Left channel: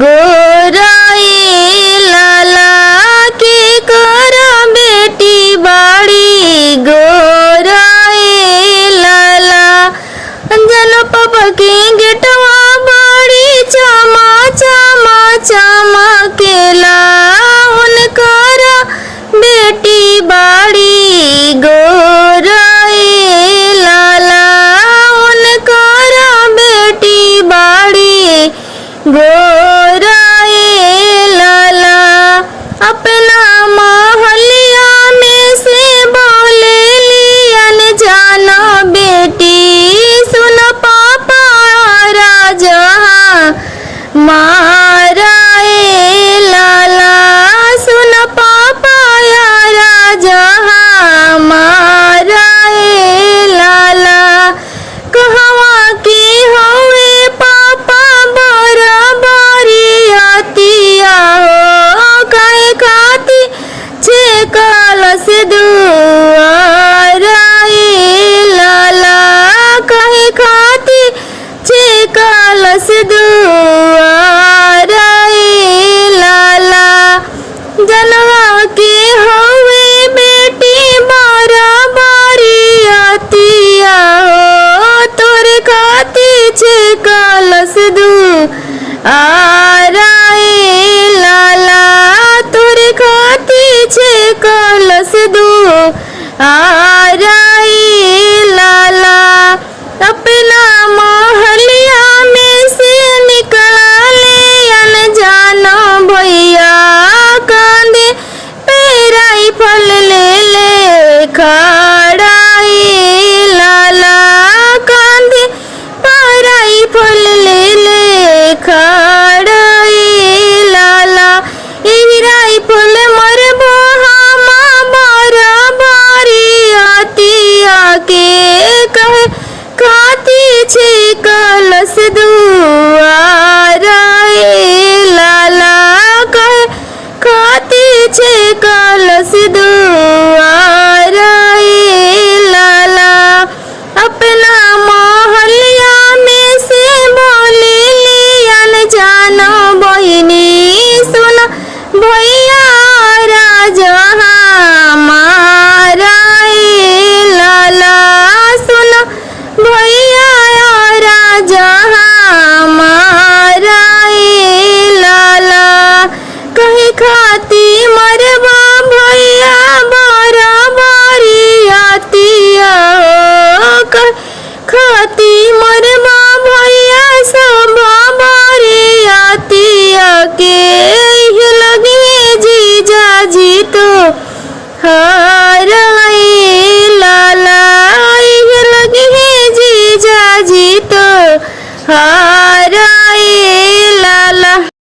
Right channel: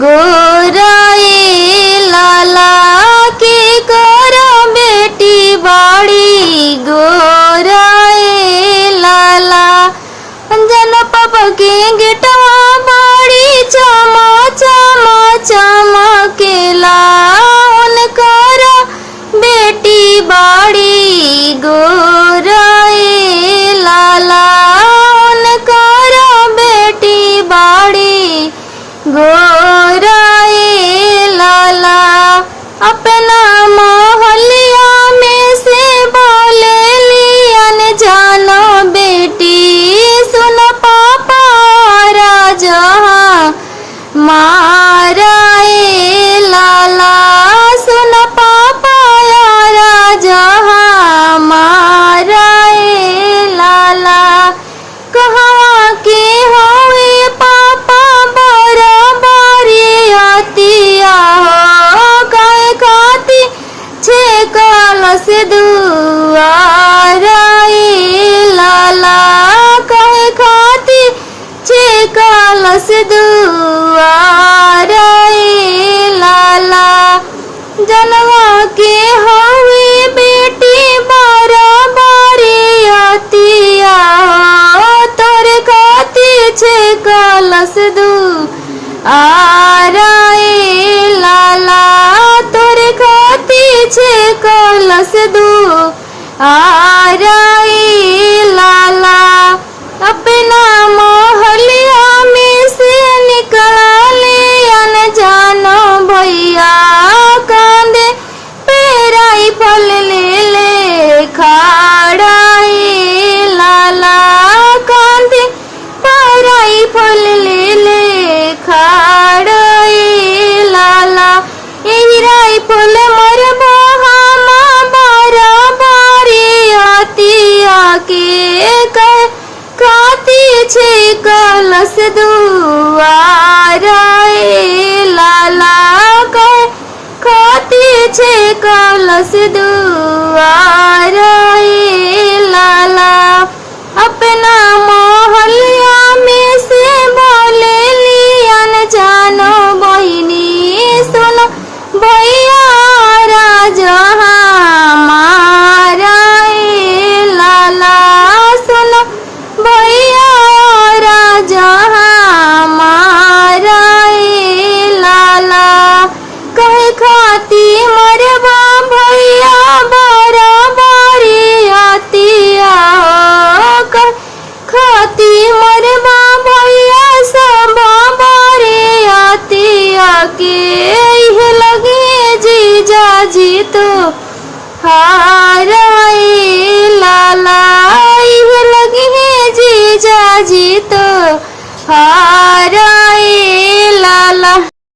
गोराए लाला के कर बेटी बाड़ी गोराए लाला अंजन पापा के गेटवा बाड़ी चमा चमा चमकेला उनकर बेटी बाड़ी गोराए लाला उनकर बेटी बाड़ी गोराए लाला। अपना महलिया में से बोले लियन जाना बेटी सुन पापा राजा माराए लाला सुन पापा राजा माराए लाला। कहवा के हुए पापा बराबरी आतिया हो कहे खाती छे कलश दुआराए लाला कहे खाती छे कलश दुआराए लाला। जनवा के हुए बेटी बराबरी आतिया हो तोरे खाती छे कलश दुआराए लाला तोरे खाती छे कलश दुआराए लाला। अपना महलिया में से निकाले अनजान भैया कांदे पेराई फल ले ले खड़ाई लाला कांदे पेराई फल ले ले खड़ाई लाला। यही राई फल मरबो हम बराबरी आतिया के कहे खाती छे कलश दुआराए लाला कहे खाती छे कलश दुआराए लाला। अपना महलिया में से बोले लियन जाना बहिनी सुन भैया राजा माराए लाला सुन भैया राजा माराए लाला। कहे खाती मरबा भैया बराबरी आतिया हो कहे खाती मरबा भैया सब बारे आतिया के